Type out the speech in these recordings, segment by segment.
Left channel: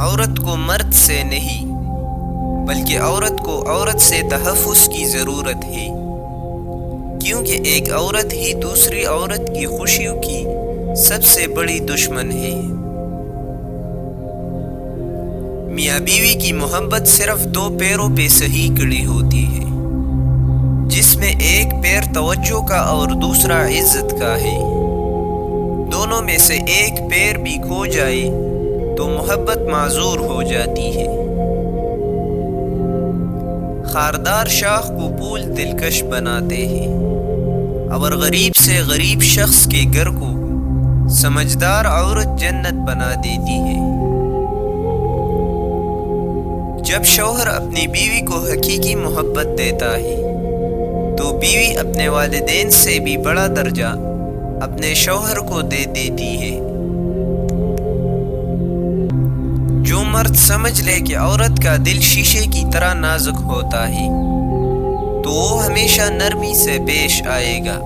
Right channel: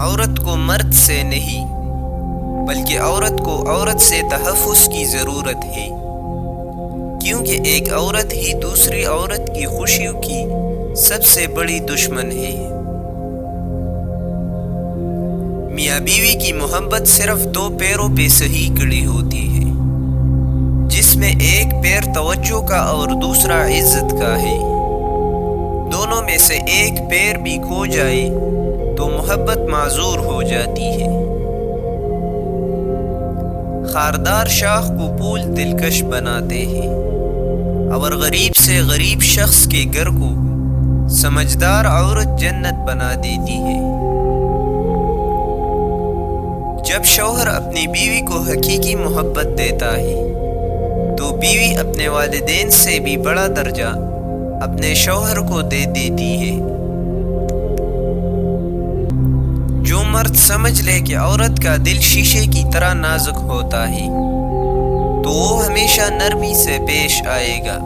عورت کو مرد سے نہیں بلکہ عورت کو عورت سے تحفظ کی ضرورت ہے، کیونکہ ایک عورت ہی دوسری عورت کی خوشیوں کی سب سے بڑی دشمن ہے۔ میاں بیوی کی محبت صرف دو پیروں پہ صحیح کڑی ہوتی ہے، جس میں ایک پیر توجہ کا اور دوسرا عزت کا ہے۔ دونوں میں سے ایک پیر بھی کھو جائے تو محبت معذور ہو جاتی ہے۔ خاردار شاخ کو پھول دلکش بناتے ہیں، اور غریب سے غریب شخص کے گھر کو سمجھدار عورت جنت بنا دیتی ہے۔ جب شوہر اپنی بیوی کو حقیقی محبت دیتا ہے تو بیوی اپنے والدین سے بھی بڑا درجہ اپنے شوہر کو دے دیتی ہے۔ جو مرد سمجھ لے کہ عورت کا دل شیشے کی طرح نازک ہوتا ہے تو وہ ہمیشہ نرمی سے پیش آئے گا،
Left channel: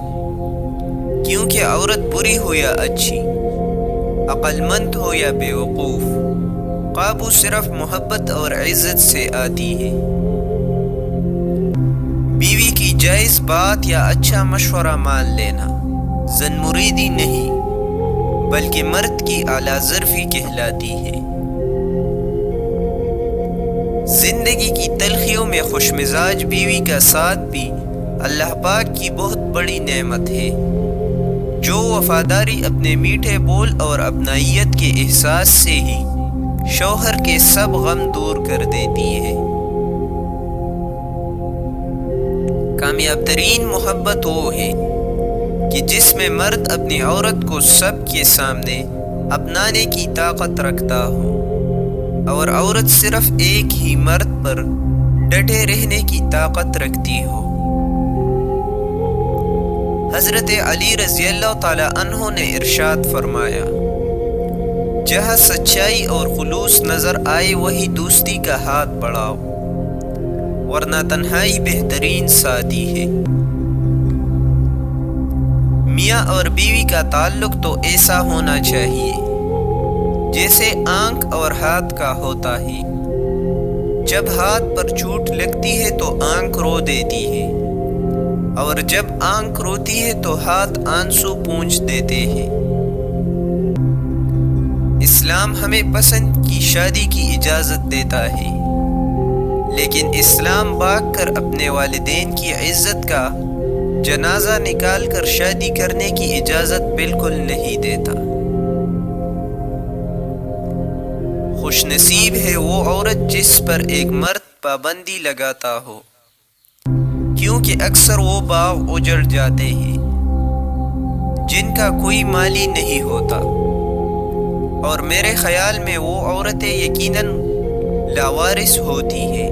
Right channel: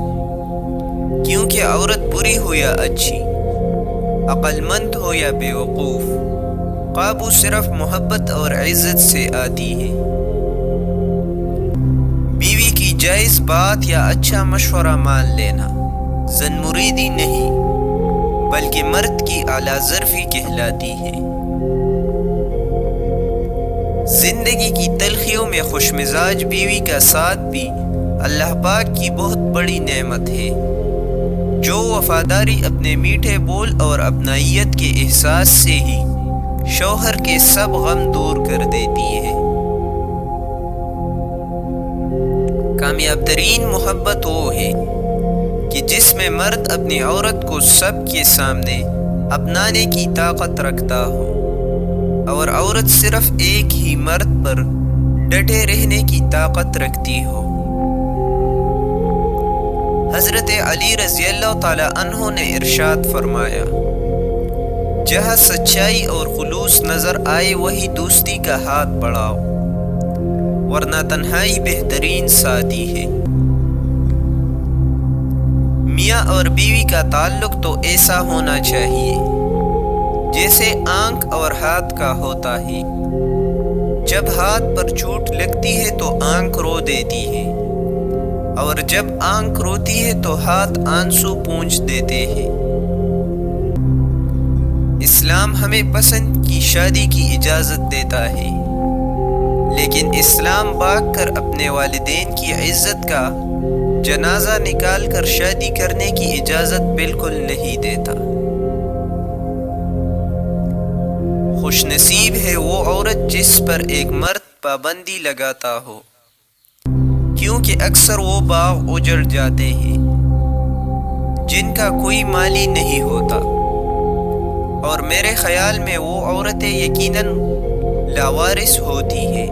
کیونکہ عورت بری ہو یا اچھی، عقل مند ہو یا بے وقوف، قابو صرف محبت اور عزت سے آتی ہے۔ بیوی کی جائز بات یا اچھا مشورہ مان لینا زن مریدی نہیں بلکہ مرد کی اعلیٰ ظرفی کہلاتی ہے۔ زندگی کی تلخیوں میں خوش مزاج بیوی کا ساتھ بھی اللہ پاک کی بہت بڑی نعمت ہے، جو وفاداری اپنے میٹھے بول اور اپنائیت کے احساس سے ہی شوہر کے سب غم دور کر دیتی ہے۔ کامیاب ترین محبت وہ ہے کہ جس میں مرد اپنی عورت کو سب کے سامنے اپنانے کی طاقت رکھتا ہو، اور عورت صرف ایک ہی مرد پر ڈٹے رہنے کی طاقت رکھتی ہو۔ حضرت علی رضی اللہ تعالی عنہ نے ارشاد فرمایا، جہاں سچائی اور خلوص نظر آئے وہی دوستی کا ہاتھ بڑھاؤ، ورنہ تنہائی بہترین ساتھی ہے۔ میاں اور بیوی کا تعلق تو ایسا ہونا چاہیے جیسے آنکھ اور ہاتھ کا ہوتا ہے۔ جب ہاتھ پر چوٹ لگتی ہے تو آنکھ رو دیتی ہے، اور جب آنکھ روتی ہے تو ہاتھ آنسو پونچھ دیتے ہیں۔ اسلام ہمیں پسند کی شادی کی اجازت دیتا ہے، لیکن اسلام بھاگ کر اپنے والدین کی عزت کا جنازہ نکال کر شادی کرنے کی اجازت بالکل نہیں دیتا۔ خوش نصیب ہے وہ عورت جس پر ایک مرد پابندی لگاتا ہو، کیونکہ اکثر وہ باغ اجڑ جاتے ہیں جن کا کوئی مالی نہیں ہوتا، اور میرے خیال میں وہ عورتیں یقیناً لاوارث ہوتی ہیں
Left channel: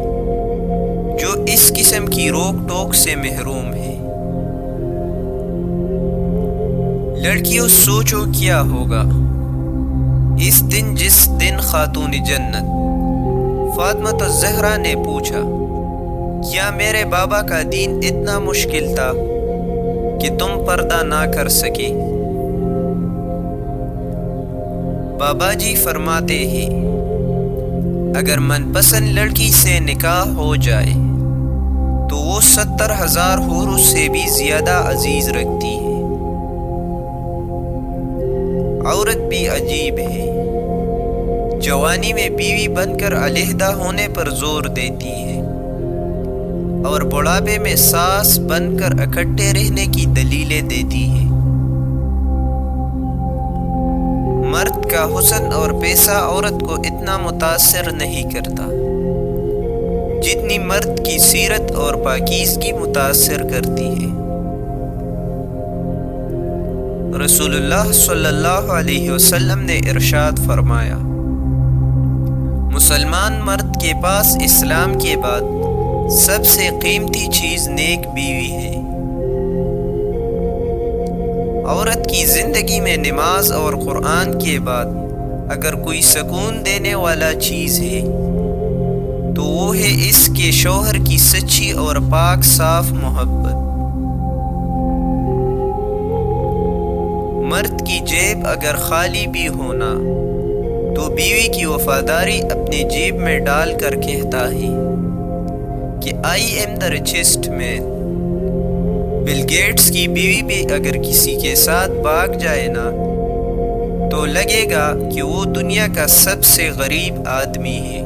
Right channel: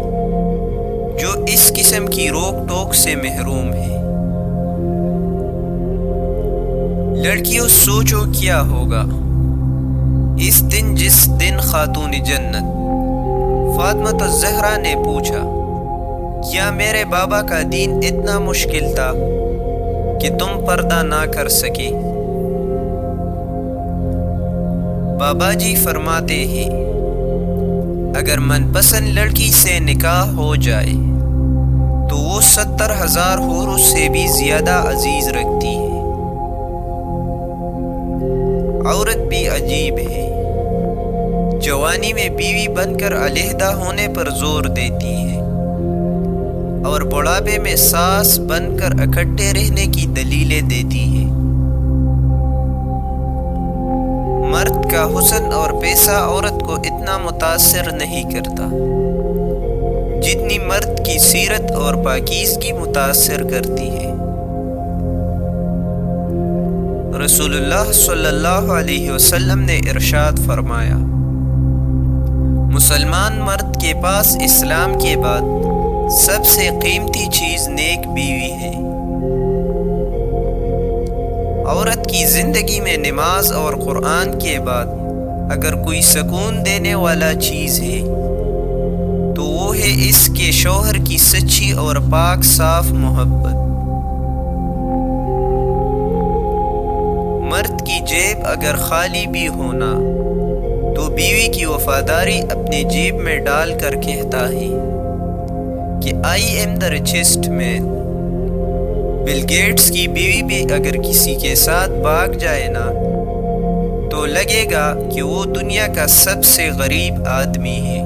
جو اس قسم کی روک ٹوک سے محروم ہے۔ لڑکیوں سوچو کیا ہوگا اس دن جس دن خاتون جنت فاطمہ الزہرا نے پوچھا، کیا میرے بابا کا دین اتنا مشکل تھا کہ تم پردہ نہ کر سکے؟ بابا جی فرماتے ہیں، اگر من پسند لڑکی سے نکاح ہو جائے تو وہ 70,000 حوروں سے بھی زیادہ عزیز رکھتی ہے۔ عورت بھی عجیب ہے، جوانی میں بیوی بن کر علیحدہ ہونے پر زور دیتی ہے، اور بڑھاپے میں ساس بن کر اکٹھے رہنے کی دلیلیں دیتی ہے۔ مرد کا حسن اور پیسہ عورت کو اتنا متاثر نہیں کرتا جتنی مرد کی سیرت اور پاکیزگی متاثر کرتی ہے۔ رسول اللہ صلی اللہ علیہ وسلم نے ارشاد فرمایا، مسلمان مرد کے پاس اسلام کے بعد سب سے قیمتی چیز نیک بیوی ہے۔ عورت کی زندگی میں نماز اور قرآن کے بعد اگر کوئی سکون دینے والا چیز ہے تو وہ ہے اس کے شوہر کی سچی اور پاک صاف محبت۔ مرد کی جیب اگر خالی بھی ہونا تو بیوی کی وفاداری اپنی جیب میں ڈال کر کہتا ہے کہ I am the richest man. Bill Gates کی بیوی بھی اگر کسی کے ساتھ بھاگ جائے نا تو لگے گا کہ وہ دنیا کا سب سے غریب آدمی ہے۔